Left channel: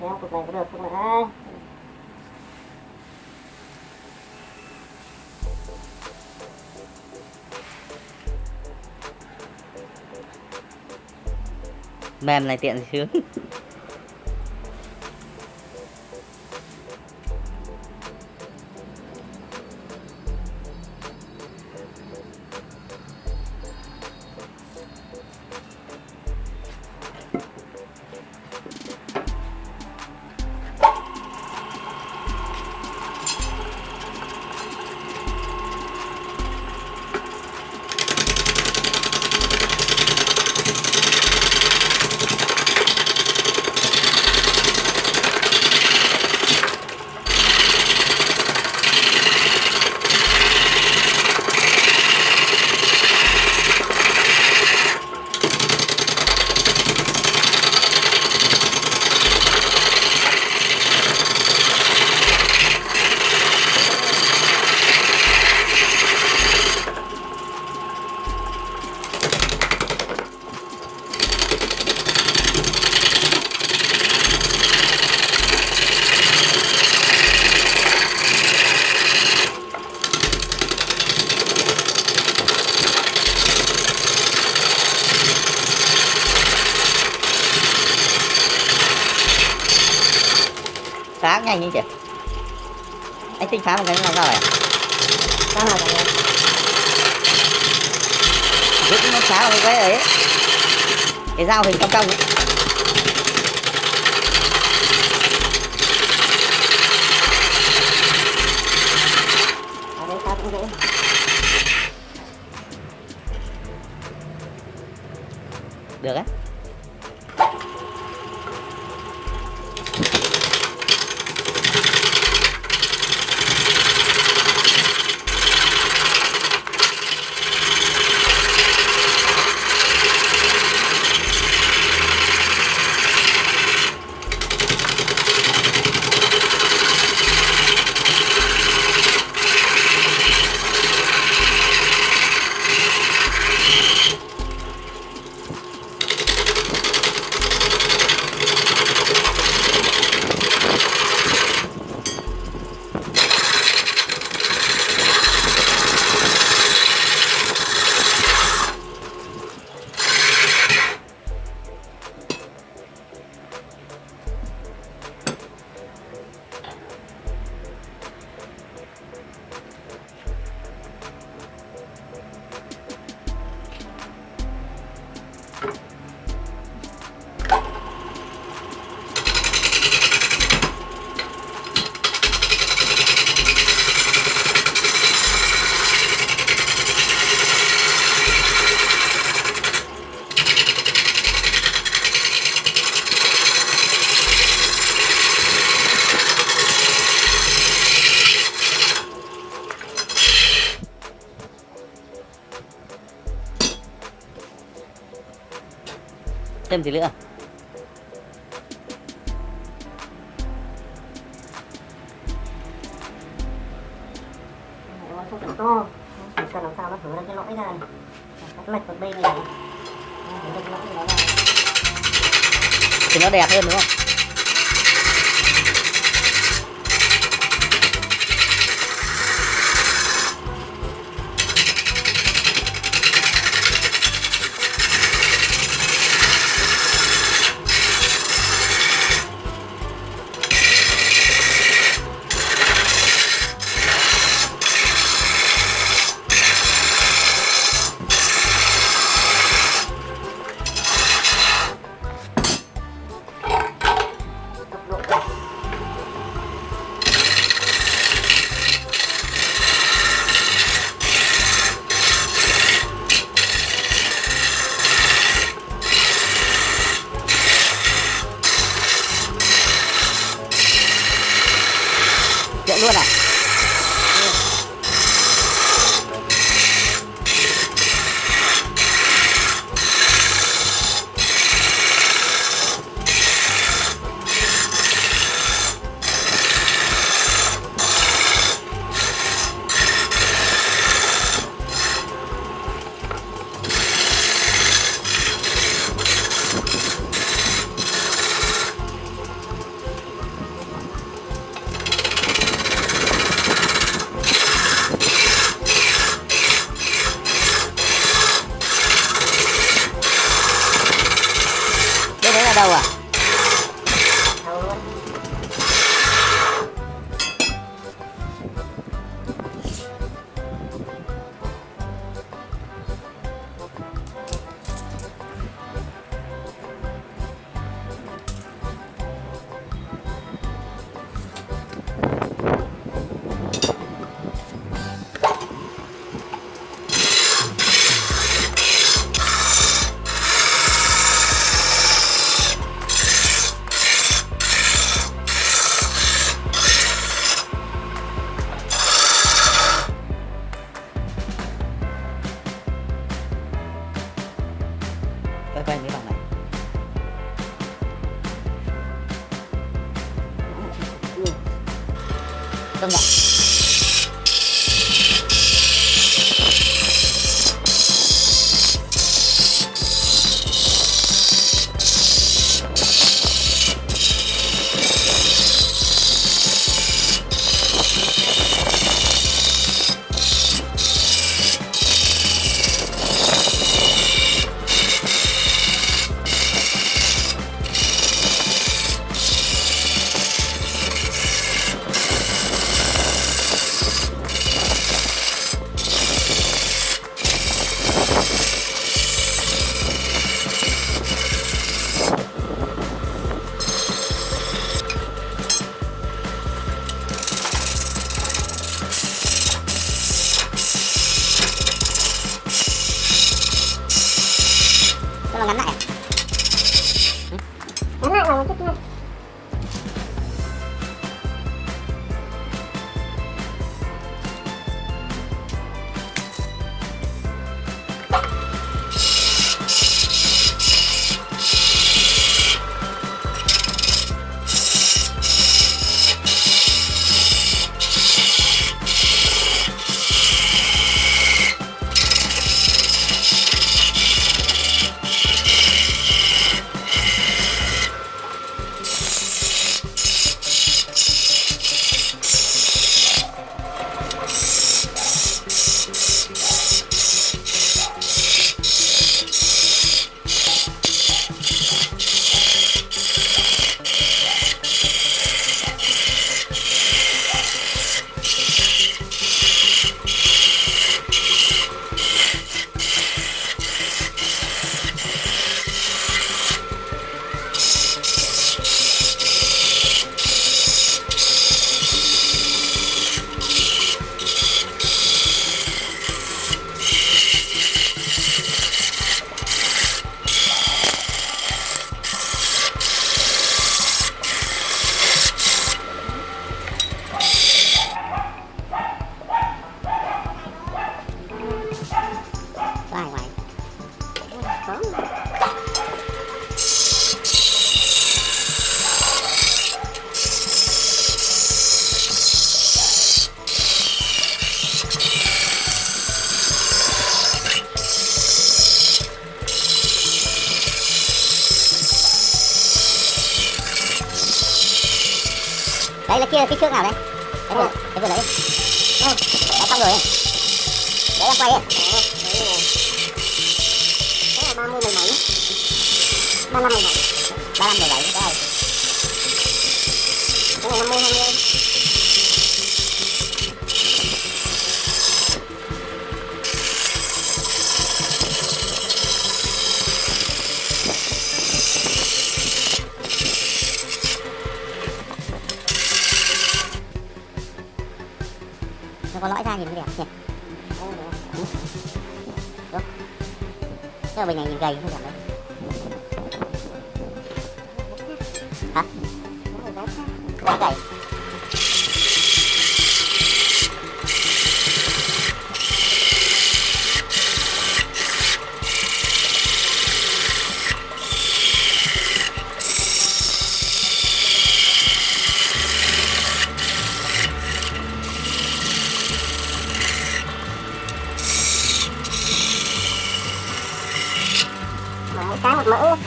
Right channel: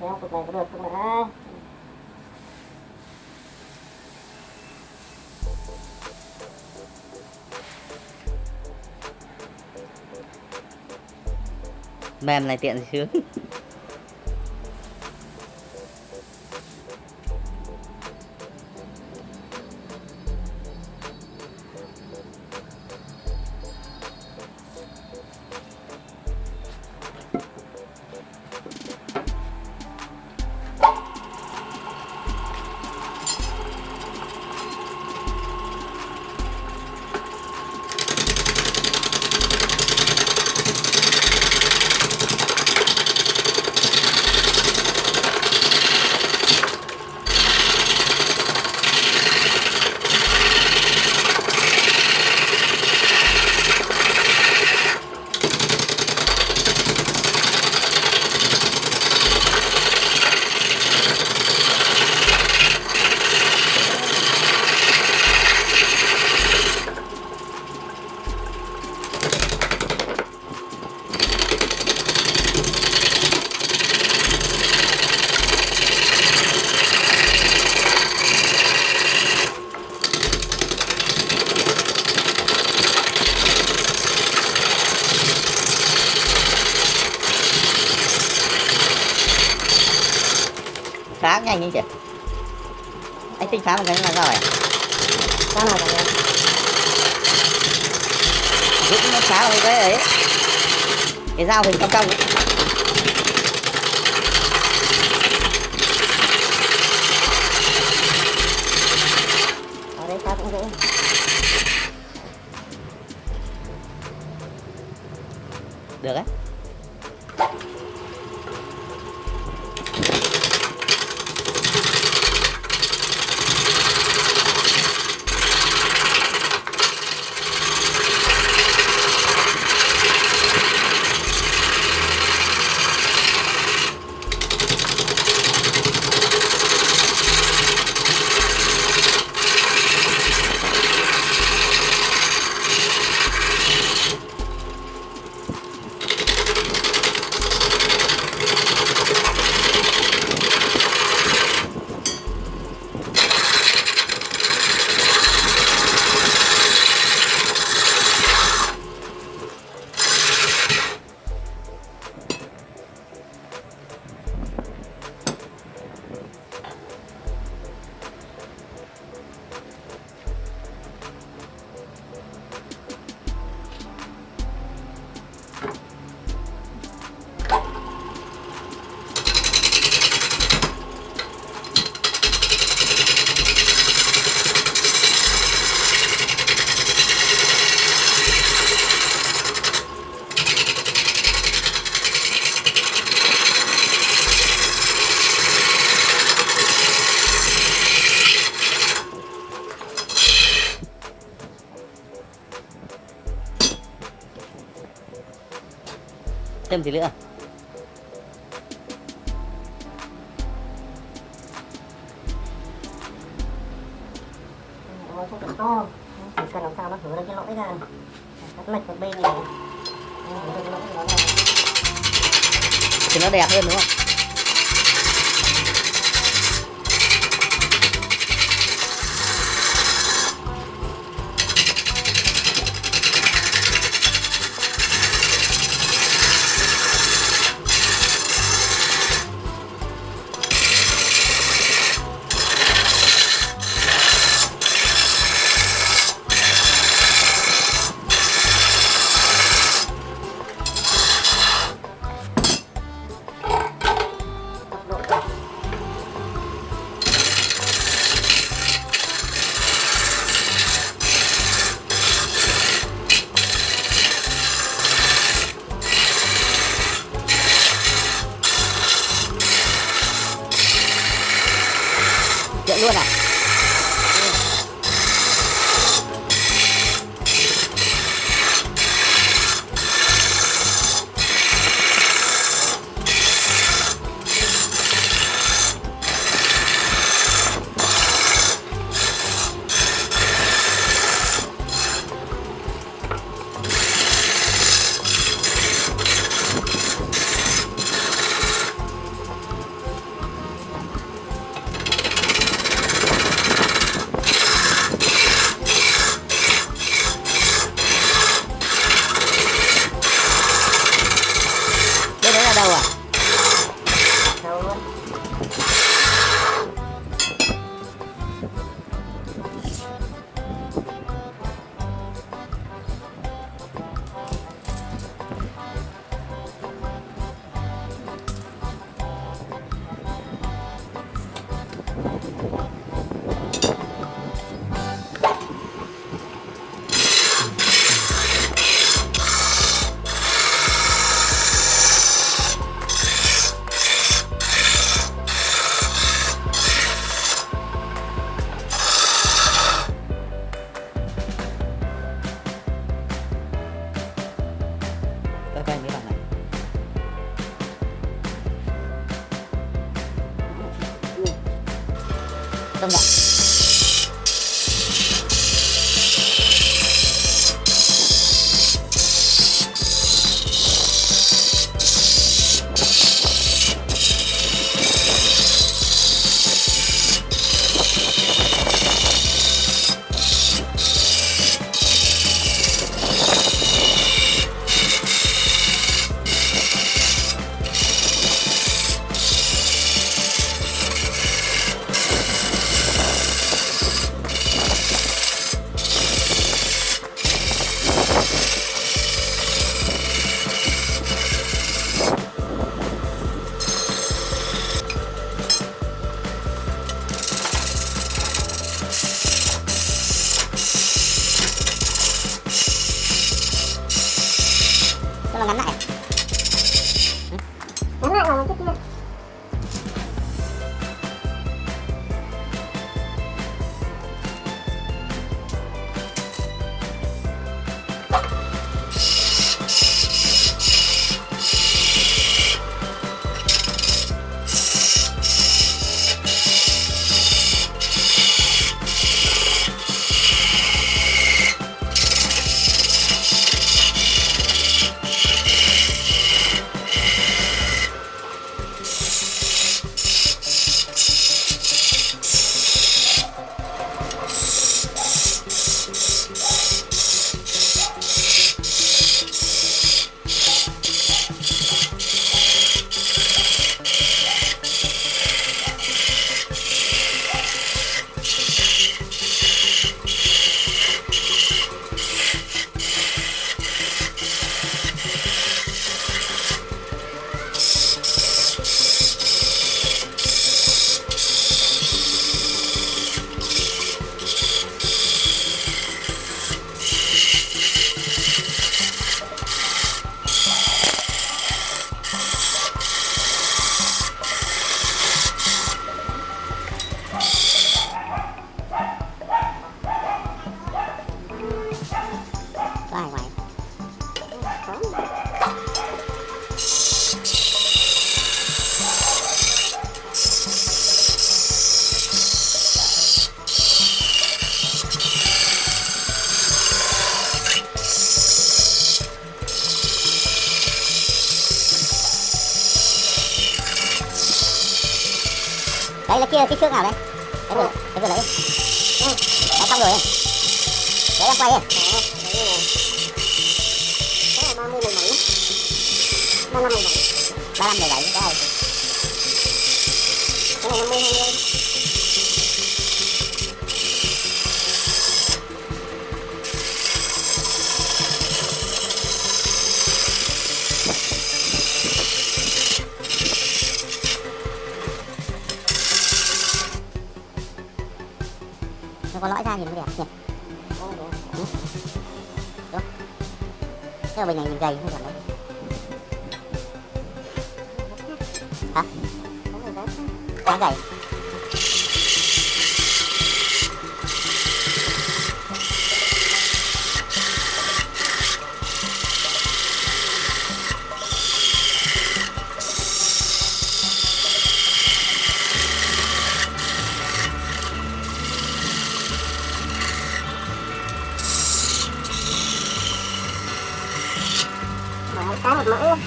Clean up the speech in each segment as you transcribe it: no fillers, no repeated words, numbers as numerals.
kéo cục này có được không ạ? Mềm này tiện sướng. Phá nhanh như chị. Anh tính phá một cái là sao vậy? Giúp nó phá một cái ấy. Cái dao hình cong cong ấy. Được á. Thêm gì nữa? Không cần to, chỉ cần làm sao nó thử ra cái lõi ra này, các lệch một bên này, thì nó đẹp hơn đúng không? Chạy luôn à? ở đâu à? Thôi. Coi mấy bạn này. Công nhận. Nó ngắn lại à? Ngắn lại vào cái kia. Có ai ngoài? Đấy là kia kích thước nào đấy? Cái vừa lấy. Đấy xong rồi. Đấy em quay đi. Cái này 30 17. 35 17. 35 17 cái này. Cái này 50 20. Nó có lõi ra nhìn nó đẹp nhỉ? Đúng. Thế mà bình này nhìn gầy không đẹp đấy. Hả? Quá gầy. Cái một mẫu.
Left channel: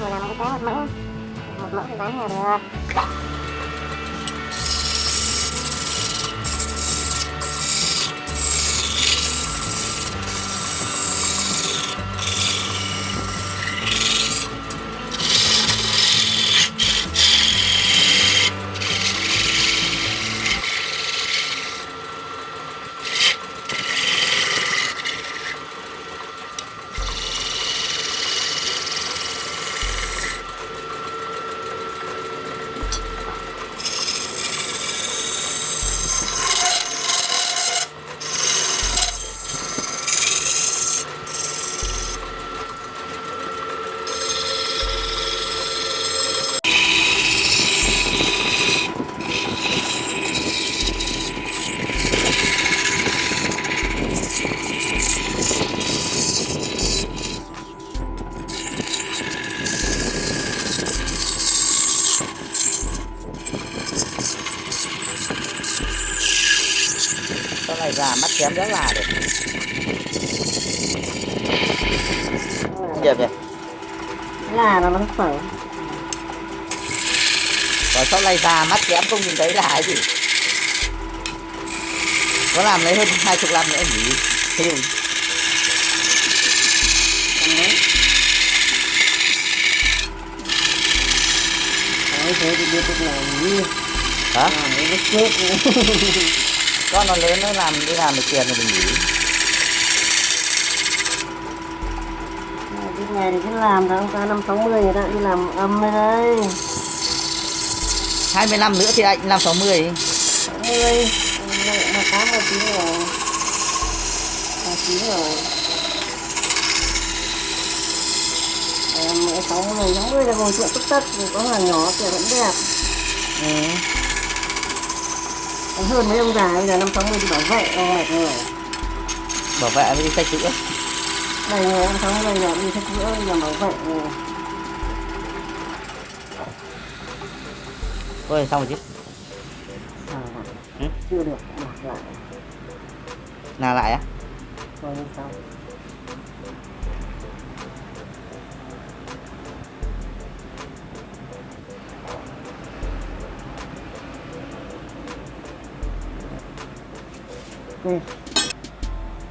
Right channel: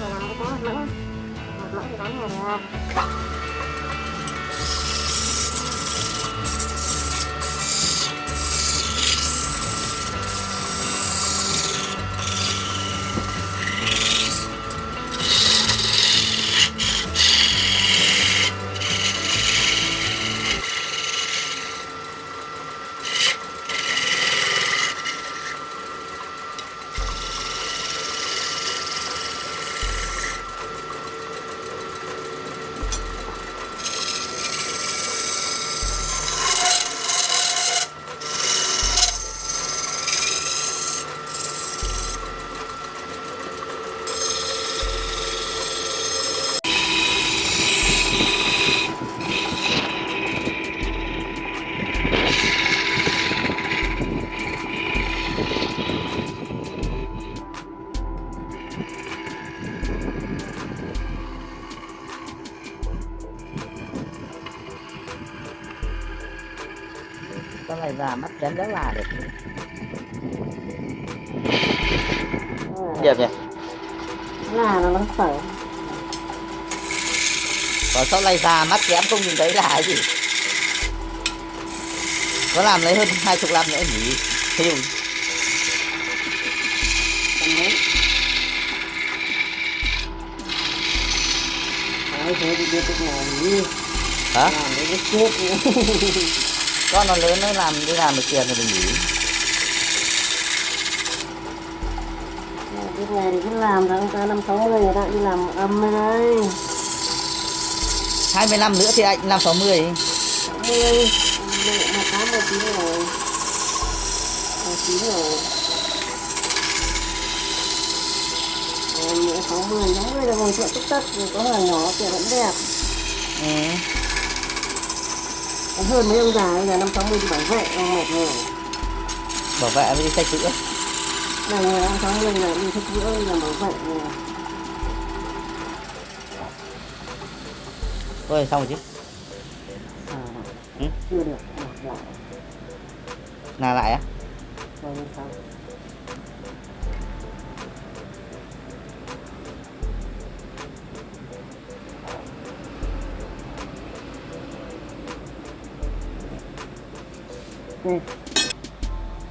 Đây là cái một mẫu. Một mẫu thì bán là được. Này già mắt kém rất là được. Đẹp nhỉ. là nó khỏe. Còn sau này già mắt kém không nhìn thấy là cái gì. Có làm lấy hơn 20 năm nữa nhỉ. Thế nhưng Đấy, thế thì biết được làm gì. hả? Làm cái chết. Con nó lớn nó làm đi làm được tiền rồi mình nghỉ. Cái này thì cứ làm tháng qua 5-60 người ta đi làm âm đây đây. 20 năm nữa thì anh làm 60. 60 mà khá 19 rồi. 19 rồi. Em 60 là còn chuyện tích rồi có hàng nhỏ kiểu vẫn đẹp. Ừ. Còn hơn mấy ông già bây giờ 5-60 thì bảo vệ ông mệt rồi. Bảo vệ mới đi sách chữa. Này người ông 60 là đi sách chữa bây giờ bảo vệ rồi. Thôi xong rồi chứ. Ừ? Chưa được. Rồi. Nào lại á? Rồi lên sau.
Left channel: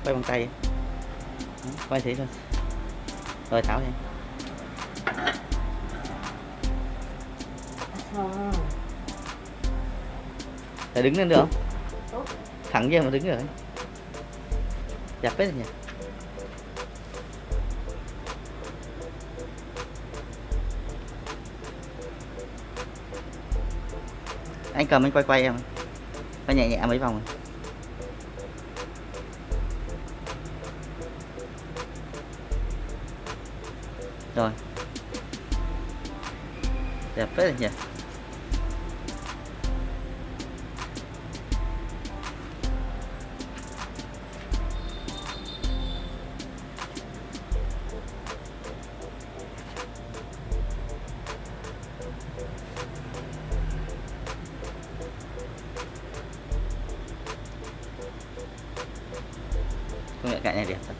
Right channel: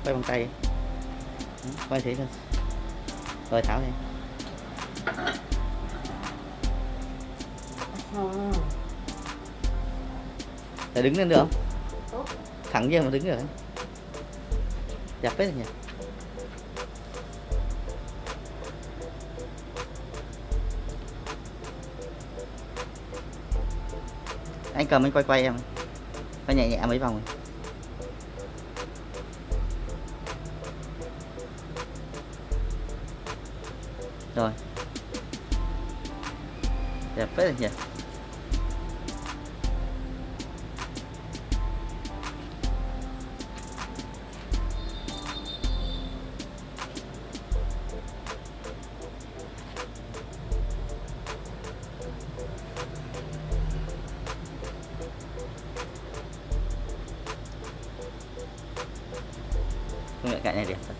Quay bằng tay đi. Quay thế thôi. Rồi tháo đi. Để đứng lên được không? Thẳng nhiên mà đứng rồi. Đẹp phết nhỉ. Anh cầm anh quay em. Quay nhẹ nhẹ mấy vòng rồi. Rồi. Đẹp phết rồi nhỉ. Công nhận cạnh này đẹp thật.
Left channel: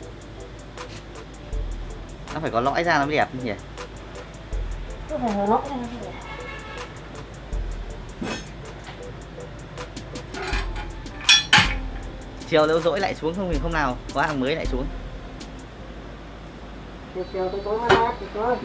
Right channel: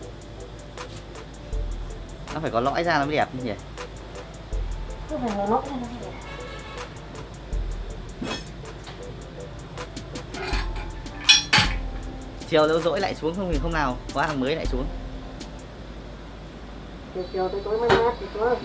Nó phải có lõi ra nó mới đẹp nhỉ. Cái này nó lỗi này. Chiều nếu dỗi lại xuống không thì hôm nào có hàng mới lại xuống. Chiều tôi tối mai thì có